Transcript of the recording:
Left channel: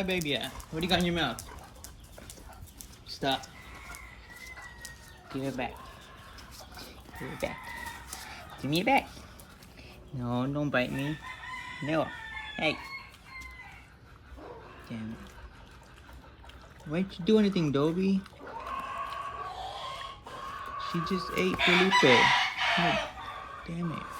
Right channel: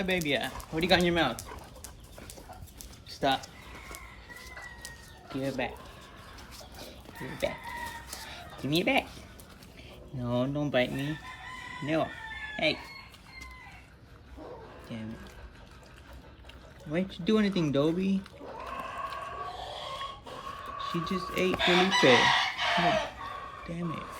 my baby at? What do you got in your mouth? Stop. Give it back. Give it back. Give me it back. No, don't bite me. No. Hey. Damn it. Why'd you do anything, Dobie? She just ate Filipe. Oh, damn it.